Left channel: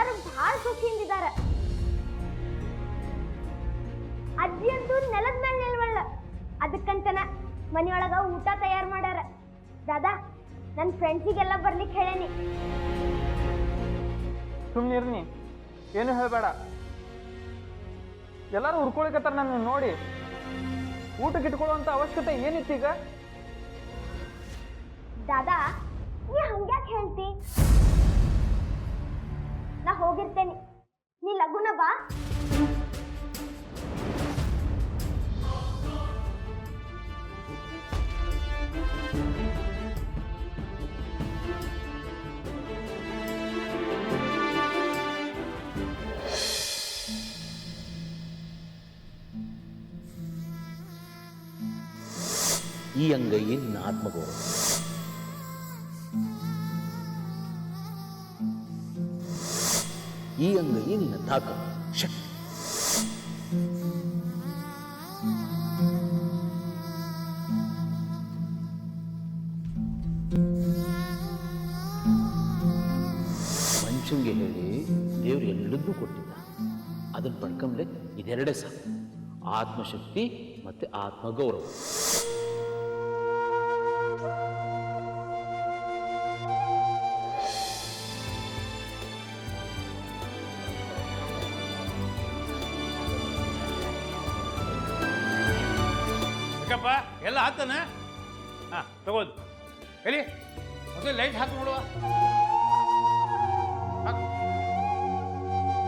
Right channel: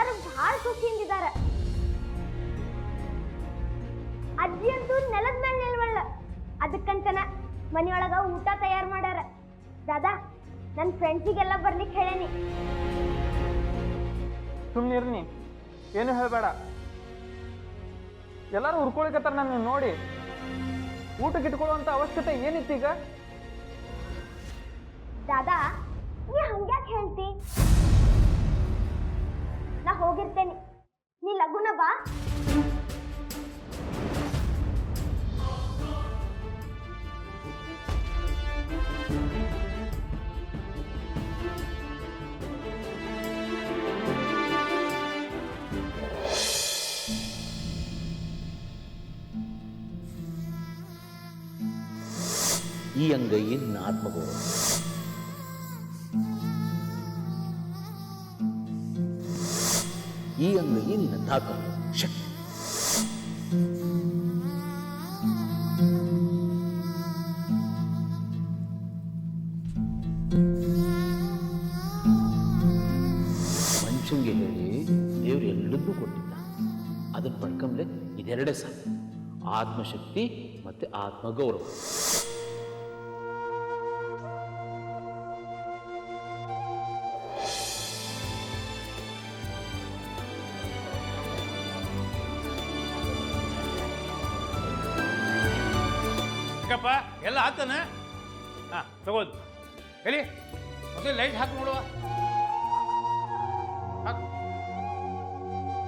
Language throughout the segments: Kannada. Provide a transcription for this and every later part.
ಎಲ್ಲರೂ ಬಹಳ ಸುಖಿಯಿಂದಿದ್ದಾರೆ. ಅಜ್ಜಿ ಅಂತೂ ನೆಲದ ಮೇಲೆ ನಿಲ್ವಳ್ಳ, ಅದಕ್ಕಂತನ ಮನೆಯೊಳಗ ಊಟ ತಯಾರು ಮಾಡ್ಯಾರ. ದಾದಾ, ನನ್ನ ಫ್ರೆಂಡ್ಸಿಗೆಲ್ಲ ಬರ್ಲಿಕ್ಕೆ ಹೇಳೇನಿ. ಸುಮ್ಮನಿರ್ನಿ, ಏನು ಹೇಳಬೇಡ. ಎಲ್ಲರೂ ಹುರ್ಕೊಳಿಕತ್ತಾರ ನನ್ನ ನೋಡಿ. ಊಟಕ್ಕೆ ಇಟ್ಕೊಳ್ಳುವಂತ ಅವಶ್ಯಕತೆ ಏನಿತ್ತೀಗ? ದಾದಾ, ನೀ ಹಂಗ್ಯಾಕೆ ಹೇಳ್ತಿ? ನಾ ಹೋಗಿರ್ತೇನೆ, ನೀ ಲಗುನ ಬಾ. ಈ ಅಂಗೈயின் ಆತ್ಮಗೌರವ. ಈ ಅಂಗೈ ನಿನ್ನ ತಾಕತ್ತು, ಶಕ್ತಿ. ಮನುಷ್ಯಂಗೆ ಹೇಳಿ ದೇವ್ರು ಎಲ್ಲದೂ ಕೊಟ್ಟಿದ್ದ. ಅದನ್ನು ಪಡ್ಕೊಂಡ್ರೆ ಇದೆರಡೇ ಸಾಕು, ಆತ್ಮಶಕ್ತಿ ಮತ್ತೆ ಆತ್ಮಗೌರವ. ಎಲ್ಲ ಹಾಕ್ತಾನೆ. ಹಾಂ ತಗೋದು ಎಲ್ಲಿ ಹೊಸ ಲೈಟ್ ಹಾಕಿ ನೋಡುವ.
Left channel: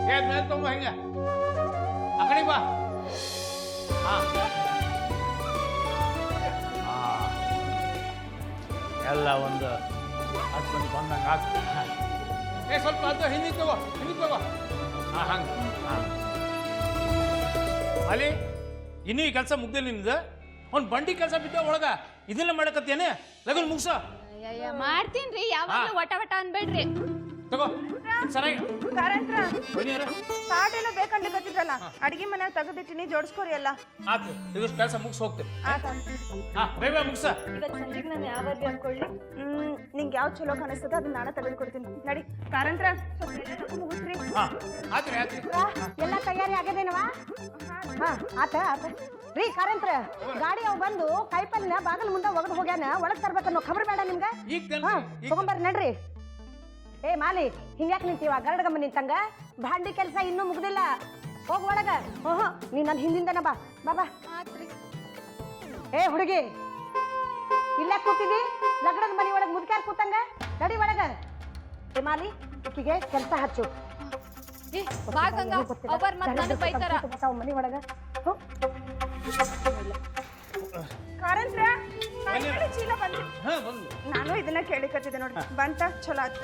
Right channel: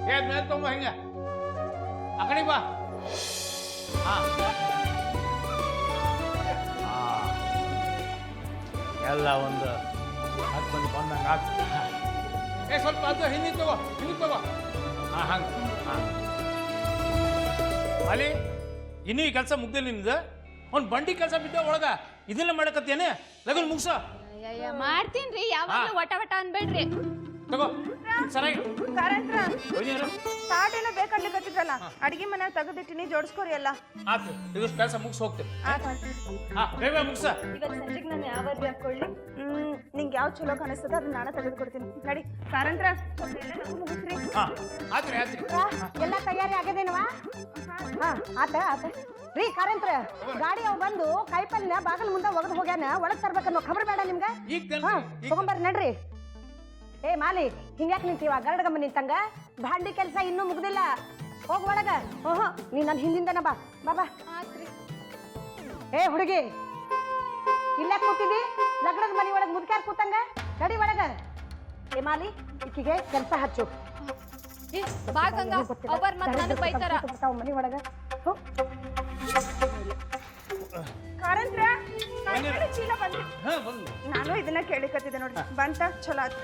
ಮೇಲೆ ತಗೊಂಬ, ಹಿಂಗ ಆ ಕಡೆ ಬಾ. ಹಾಂ ಹಾಂ, ಎಲ್ಲ ಒಂದು 10 ಮಂದಿ ಬಂದಂಗೆ ಹಾಕಿ. ಸ್ವಲ್ಪ ಅದು ಹಿಂದಿಗೆ ತಗೋ, ಹಿಂದಿಗೆ ತಗೋ. ಹಾಂ ಹಂಗೆ. ಹಾಂ ಮಾಲಿ, ಇನ್ನೂ ಈ ಕೆಲಸ ಮುಗ್ದಿಲ್ಲ ನಿಮ್ದು. ಅವ್ನು ಬಂಡಿ ಕೆಲಸ ಬಿದ್ದ ಒಳಗ ಇದನ್ನ ಮಾಡಕತ್ತೇನೆ. ಲಗನ್ ಮುಗ್ಸ. ಮಾಡ್ತೀನ್ರಿ, ಯಾವಾಗ ವಟ ವಟ ಅನ್ಬೇಡ್ರಿ. ತಗೋ ಸರಿಯಾಗಿ. ತಾಟೆಲ್ಲ ಬೇಕಂಡ್ಲಿಕತ್ತಿದ್ರಲ್ಲ, ಅಡಿಗೆ ಮನೆ ತೆಗೆದಿಟ್ಟಿನಿ, ಜೋಡಿಸ್ಕೋರಿ ಎಲ್ಲ. ಆತು, ಇದಷ್ಟು ಕೆಲಸ ಮುಗಿಸ್ ಹೋಗ್ತೇವೆ. ಹಾ ಬೇಗ ಮುಗ್ಸ. ಇವತ್ತು ಸಂಜೆಗೆ ನಾನು ಯಾವ ಅರ್ಬಿ ಹಾಕೊಳ್ಳಿ? ನಿಂಗೆ ಯಾವ ಚಲೋ ಕಾಣಿಸ್ತದ ಅದನ್ನ ನಾಳೆ ತೆಗೆದು ಕೊಡ್ತೀನಿ. ನಡಿ ಕಾರಂತ್ರ, ಮುಗಿಸ್ರಿ. ಹಾ ಆತ್ರಿ ಆತ್ರಿ. ಎಲ್ಲ ತಯಾರಿ ಆಗ್ಯದೇನವಾ? ಹಾ ಆತ ಆತ ರೀ. ಕಾರಂತ್ರ, ಗಾಡಿ ಅವ್ ಬಂದು ಕಾಯಿಪಲ್ನ ಬಾಗಲ್ ಮುಂದೆ ಒಗದು ಹೋಗ್ಯಾನ, ಒಳಗ್ ತರ್ಬೇಕನ್ನೋ ಖಬರ್ ಬೇಡ ನಿಮ್ಗೆ? ತಗೊಂಬರ್ರಿ ನಡ್ರಿ. ಏ ಮಾಲಿ, ಹಿಂಗ್ಯಾಕೆ ನಿಂತೀವ? ಗರಡಗಮ್ಮ ನಿಂತಂಗ ಭಾಂಡಿ ಕೆಲಸ ಇನ್ನೂ ಮುಗ್ದಿಲ್ಲ. ಹೋಗ್ ಒಳಗ. ಓಹೋ, ನೀ ನನ್ನ ಹಿಂದಿಂದನ ಬಾ. ಬಾಬಾ. ಏ ಹುಡುಗಿ, ಇಲ್ಲೇ ಕೂತಿದಿ? ಲಗ್ನದ ಮನಿ ಒಳಗೆ ಮುದ್ಕ್ಯಾರ ಕೂತಂಗ ನಡಿ ಒಳಗ. ಏ ಮಾಲಿ, ಈಕಿಗೆ ಕೆಲಸ ಹಚ್ಚು. ಮನಿ ಒಳಗ ಕಾರಂತ್ರ, ಚೀಲ ಬಂದು ನಾನು ಇದನ್ನ ಕೇಳಿಕತ್ತಿದ್ದೆ ನೋಡಿ. ಬಂತ ಚಲೋ ಆಯ್ತು.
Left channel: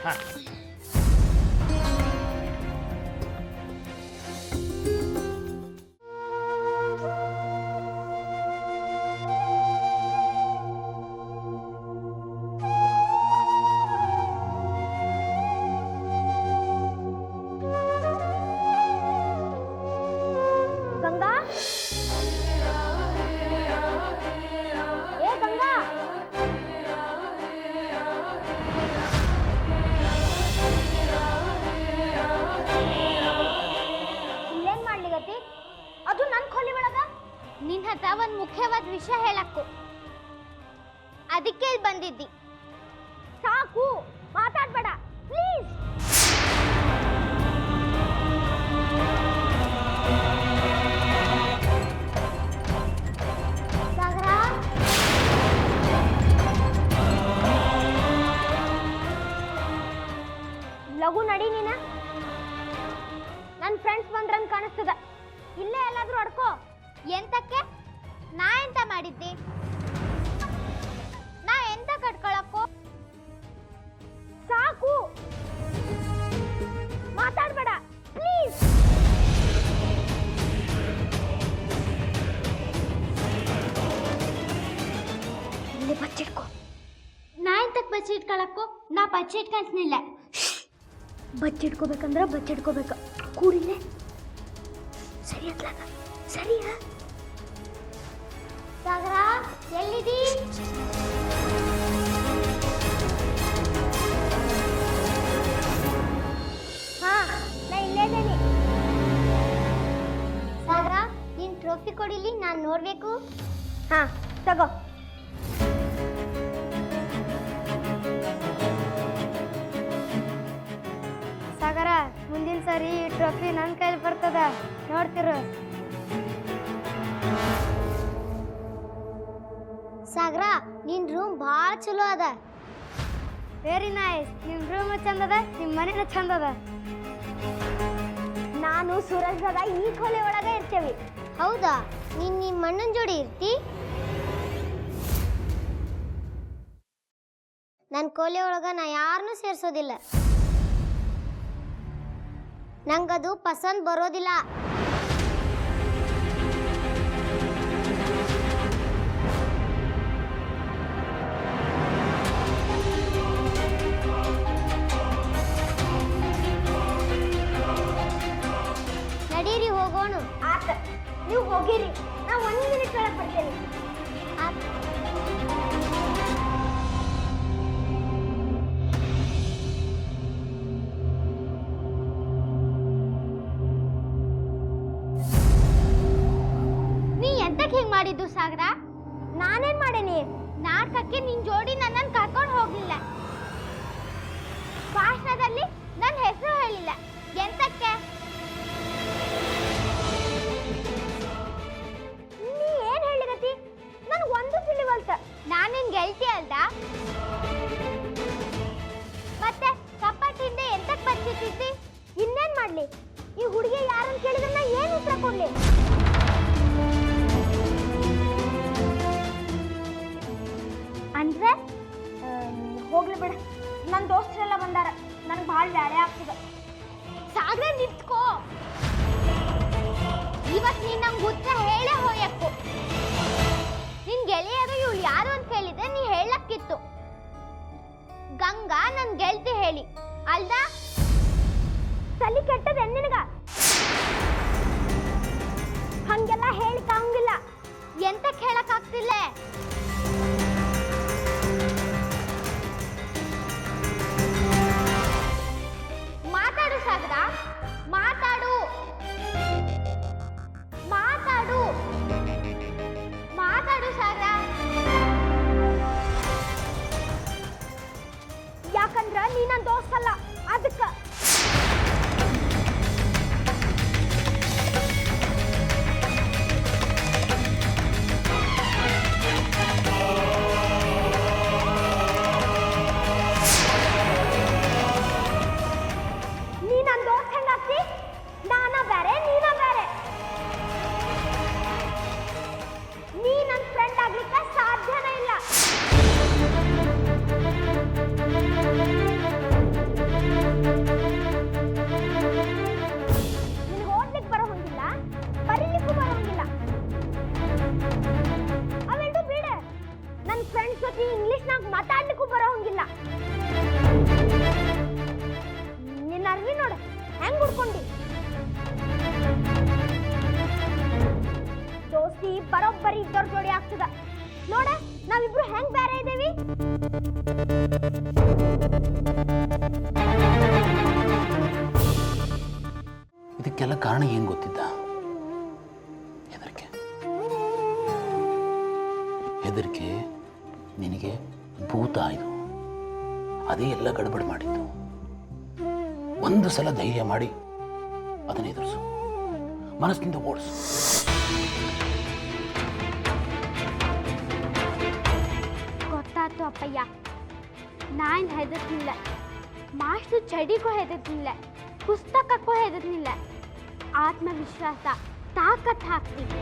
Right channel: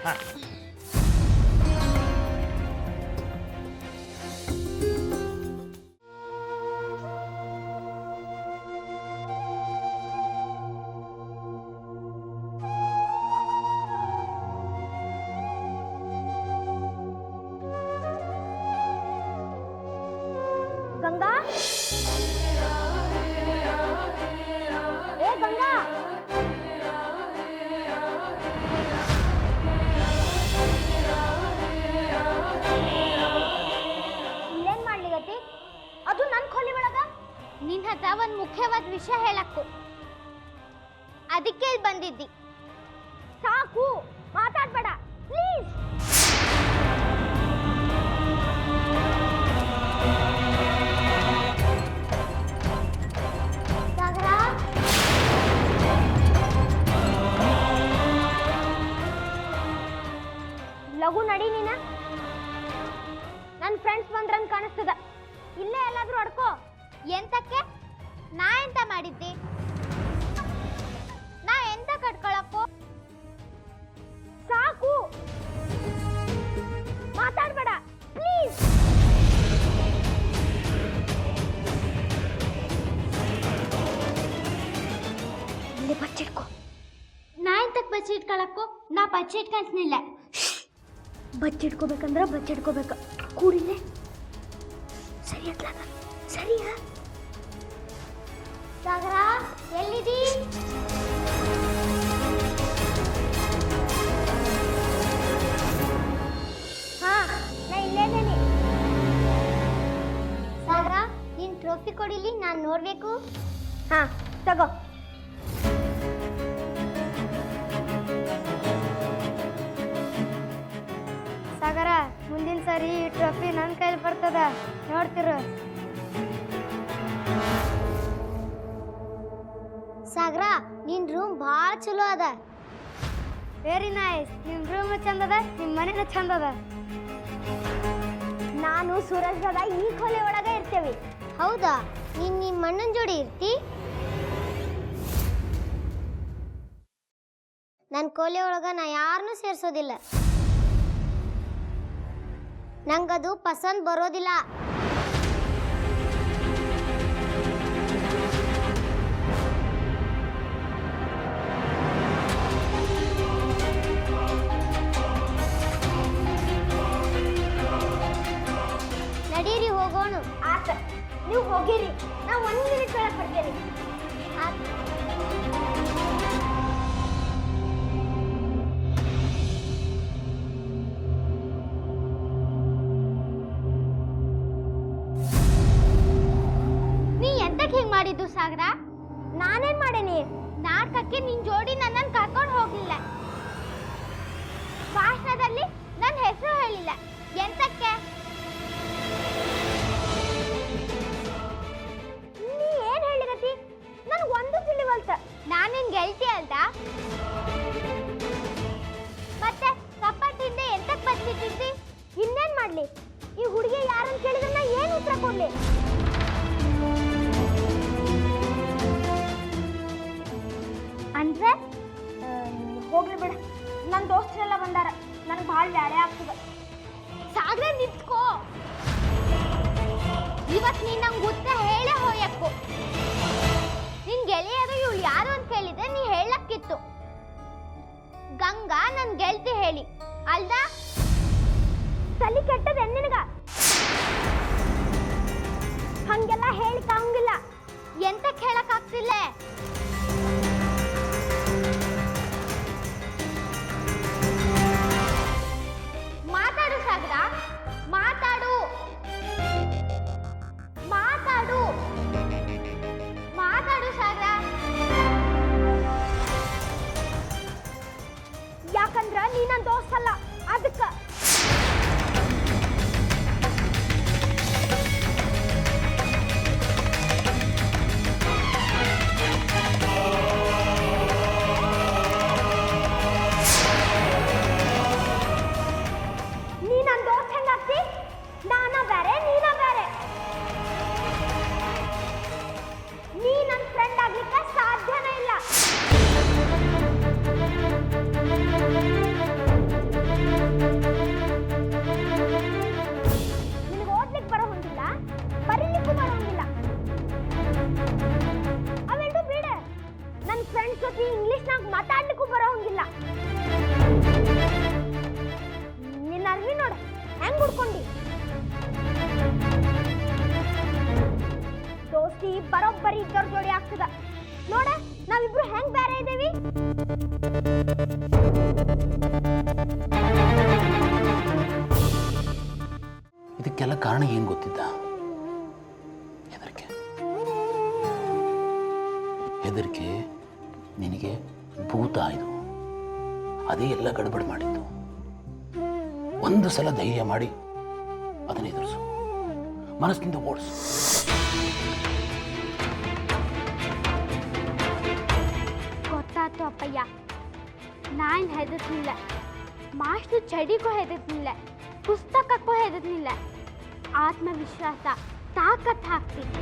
ಗಂಗಾ, ಏ ಗಂಗಾ, ಇಲ್ಲೇನ್ ಮಾಡ್ಲಿಗತಿ? ಅದು ನನ್ ಕೊಲಿ ಒಳಗ. ನಿನ್ ಹತ್ರ ಒಂದ್ ಮುಖ್ಯವಾದ ವಿಷಯ ಹೇಳಕ್ಕು, ಅದಕ್ಕೆ ಇಲ್ಲಿ ಬಂದಿದ್ದಿ. ಸಾಕು, ಮಾತಾಡ್ಬೇಡ ಪ್ಲೀಸ್. ಲಘು ನಡಿ ನೀನ. ನನ್ನ ಫ್ರೆಂಡ್ಸ್ ಬಂದ್ರಂಗ್ ಕಾಣಿಸ್ತದ. ಇಲ್ಲೇ ಎಲ್ಲಾದ್ರೂ ಅಡ್ಕೋ. ಎಂತಕ್ಕೆ? ನಾ ಎಂತ ಮಾಡಿದ್ದೆ? ನಾ ಎಂತ ಕಟ್ಕೊಳಕ್ಕೋ? ಸಾಕು, ಮಾತಾಡ್ಬೇಡ ಪ್ಲೀಸ್. ಇಲ್ಲಿ ಬಚ್ಚಿಟ್ಕೋ. ನಾ ಎಂತಕ್ಕೆ ಬಚ್ಚಿಟ್ಕೊಳಕ್ಕೋ? ನಾ ಬಚ್ಚಿಟ್ಕಂತಿಲ್ಲ. ಬಚ್ಚಿಟ್ಕೋಬೇಕಂದ್ರ ಬಚ್ಚಿಟ್ಕೋಬೇಕು. ಕೂಡಿಲ್ಲೇ ಸರಿ ಅತ್ಲಾಗ. ಸರಿಯಾ? ಸಾಗರ, ಎಲ್ಲಿದ್ದೀ? ಹಾ ಟ್ರೋಫಿ ಕೊಡಿಲಿ, ನಾನು ನೋಡ್ಬೇಕು. ಹಾ ತಗೋ. ಸಾಗರ, ಮುಂದಿನ ಸರಿ ಈ ಟ್ರೋಫಿ ನನ್ನ ಕೈಲಿ ಬರ್ತದ, ನೋಡ್ತಿರು. ಸಾಗರ, ನಿನ್ ರೂಮ್ ಭಾಳ ಚಲೋ ಅದ. Very nice. ನಿಮ್ ರೂಮ್ ಚಂದ ಅದ, ನಿಮ್ ಮನೇನ ಚಂದ ಅದ. ನಾನು ಸೂರಜ್ ದಾದ ಈ ಕೊಲೆ ಒಳಗೆ ಇರ್ತೇವೆ. ಹೌದಾ? ನೀನ್ ನಿಮ್ಮ ಅಣ್ಣನ ಜೋಡಿ ಇರ್ತಿ? ನನ್ನ ಕೋಲೆ ಒಳಗ ನಾ ಯಾರನ್ನೂ ಸೇರ್ಸೋದಿಲ್ಲ. ನಂಗದು ಪಸಂದ್ ಬರೋದಿಲ್ಲ. ನಡೀರಿ, ಹೋಗೋಣ. ಆತ, ನೀವು ಹೋಗಿರಿ, ನಾ 1 ಮಿನಿಟ್ ಒಳಗೆ ಬರ್ತೇನೆ. ನೀ ಎಂತಕ್ಕೆ ಹಿಂಗ್ ಮಾಡಿದ್ದು ಸಾಗರ? ನಾನೇನ್ ಮಾಡೇನಿ? ನಾಟಕಕ್ಕೆ ನಿನ್ ಜೋಡಿ ನನ್ನನ್ನು ಕರ್ಕೊಂಡು ಹೋಗ್ಲಿಲ್ಲ. ಭಾಷಣದಲ್ಲಿ ನನ್ನ ಹೆಸರು ಹೇಳಿಲ್ಲ. ಎಂತಕ್ಕೆ? ನೀ ಏನ್ ಹೇಳಿರತಿ? ನನಗೆ ಒಂದು ತಿಳಿವಲ್ತ. ನಾನು ನಿನ್ ಗೆಲ್ತಿ ಅಲ್ದ? ಮತ್ತೆ ಕಪ್ಪಟ್ಟಿಂದ ಎಂತಕ್ಕೆ ಬಚ್ಚಿಟ್ಟಿದ್ದಿ? ಇನ್ನೇನ್ ಮಾಡ್ಲಿ? ಈ ಹುಡುಗಿ ಯಾರನ್ನ ಕೇಳಿದ್ರೆ ನಾ ಏನು ಉತ್ತರ ಕೊಡ್ಲಿ? ಅಂದ್ರೆ ಹೋಗ್ಲಿ ಬಿಡ, ನನ್ನ ದೋಸ್ತರೆಲ್ಲ ಬಂದಾರ, ನನಗೆ ಭಾಳ ಬ್ಯಾಳೆ ಆಗ್ತದ. ಸಾಗರ, ನಿಂತ್ಕೋ. ಇವತ್ತು ನೀನ್ ನಂಗೆ ಉತ್ತರ ಹೇಳೇ ಹೋಯಕ್ಕು. ನಿನ್ ಗೆಳೆಯರು ಇವಳು ಯಾರು ಅಂತ ಕೇಳಿದ್ರೆ ನೀ ಹೇಳಕ್ಕಿತ್ತು. ಗಂಗಾ ನನ್ ಗೆಲ್ತಿ ಹೇಳಿ ಅಲ್ದ? ತಲೆ ಕೆಟ್ಟದ ನಿನಗ? ಹಂಗೆಲ್ಲ ಹೇಳಿಕಾಂಗಿಲ್ಲ. ಎಂತಕ್ಕೆ ಹೇಳಕ್ಕಾಗ್ತಿಲ್ಲ? ಮಾತಾಡು ಸಾಗರ, ಮಾತಾಡು. ಮಾತಾಡು, ಮಾತಾಡು ಸಾಗರ. ಯಾಕಂದ್ರ ನೀ ನನ್ನ ದೋಸ್ತ ಅಲ್ಲ, ಅದಕ್ಕ. ನೀ ನನ್ನ ದೋಸ್ತ ಹೆಂಗಾಗ್ತಿ? ನಾನ ಬೇರೆ, ನೀನ ಬೇರೆ. ನೀ ನನ್ನ ಫ್ರೆಂಡ್ ಆಗ್ಲಿಕ್ಕೆ ಸಾಧ್ಯನೇ ಇಲ್ಲ. ನಿನಗೆ ಓದ್ಲಿಕ್ಕೆ ಬರೋಂಗಿಲ್ಲ, ಬರೀಲಿಕ್ಕೂ ಬರೋಂಗಿಲ್ಲ. ಅವೆರಡು ಬೇಡ. ನನ್ನ ಫ್ರೆಂಡ್ಸ್ ಜೊತೆ ಇಂಗ್ಲಿಷ್ನಾಗ ಮಾತಾಡ್ಲಿಕ್ಕೂ ಬರೋಂಗಿಲ್ಲ. ನಿನ್ನ ಅರ್ವಿ ನೋಡ ಹೆಂಗ್ ಹುಡ್ಕೊಂಡಿ. ದೋಸ್ತಿ ಬರೋಬ್ಬರಿ ಇದ್ದವ್ರ ಜೋಡಿ ಆಗ್ತದ. ನೋಡ, ನಾವಿಬ್ರು ಹೆಂಗ್ ಬೇರೆ ಇದೇವಿ. ಇದಕ್ಕೆಲ್ಲ ಕಾರಣ ಏನು ಗೊತ್ತಿದ್ದ? ಹೆದರಿಕೆ. ಹೆದರಿಕೆ ನಿನಗೆ ಭೂತ ಇದು. ಅದೇ ಎಲ್ಲ ಗಡಬಡ ಮಾಡಿದ್ದು. ಒಂದು ಸಲ ಧೈರ್ಯ ಮಾಡಿ ಅದನ್ನು ಎದುರಿಸು, ಮನಸ್ಸಿನಿಂದ ಓಡಿಸು. ಗೊತ್ತಾಯ್ತು ಅಪ್ಪಯ್ಯ, ನಾನು ಹೆದರ್ನಿಲ್ಲ. ಮಾಸ್ಟರ್ ಚಡಿಗೂ ಹೆದರ್ನಿಲ್ಲ, ಪುಸ್ತಕಕ್ಕೂ ಹೆದರ್ನಿಲ್ಲ. ಆತ್ಮವಿಶ್ವಾಸ, ತಾಕತ್ ಹಾಕ್ತೀನಿ.